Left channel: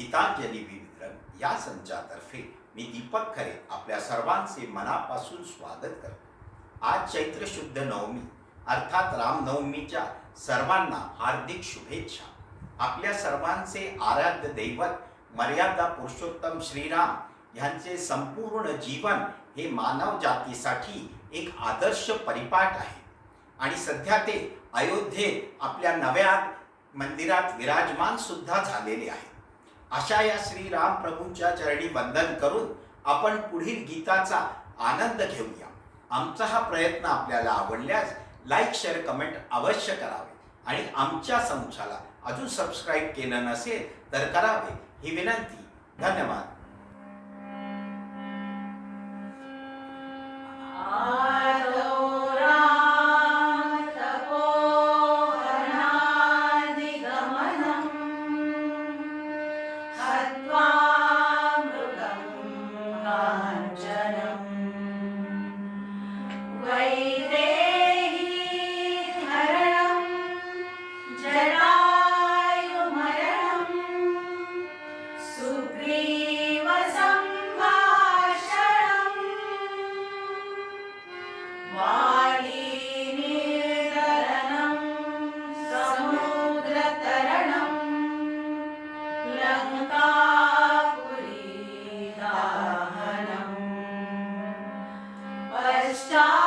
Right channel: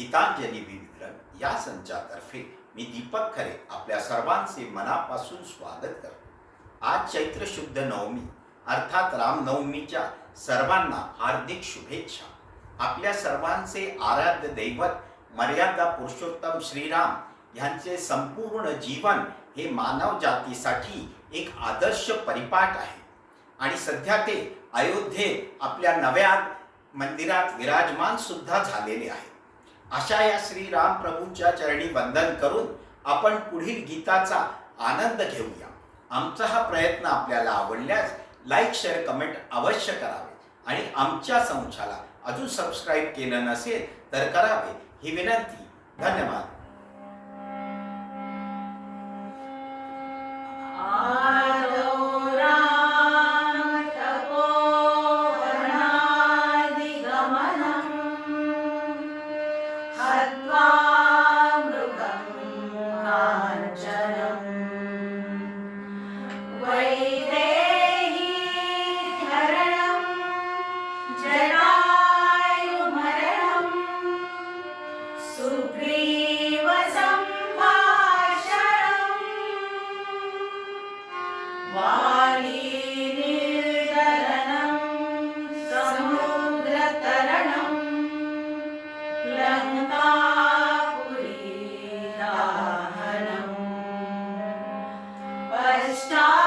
गीतांजली विविधन या संचातर्फे मी दीपक खरे आपल्या सर्वांचे मनापासून स्वागत करतो. आज चैत्र शुद्ध नवमी अर्थात रामनवमीच्या सर्वांना हार्दिक शुभेच्छा. आपल्या सर्वांचे आराध्य दैवत मर्यादा पुरुषोत्तम श्रीराम यांचे संपूर्ण जीवन हे मानव जातीसाठी एक आदर्श परिपाठ आहे. आणि सध्या ते अयोध्येत आपल्या नव्या मंदिरात विराजमान सुद्धा झालेले आहे अशा या श्रीराम प्रभूंच्या चरणी वंदन करून आपण पुढील गीताचा आनंद घेऊया. आमचा हा प्रयत्न आपल्याला आवडल्यास लाईक शेअर कमेंट अवश्य करावे. आणि आमच्या संस्थाला अजून सबस्क्राईब केलं नसेल तर करावे ही विनंती. धन्यवाद. Stop.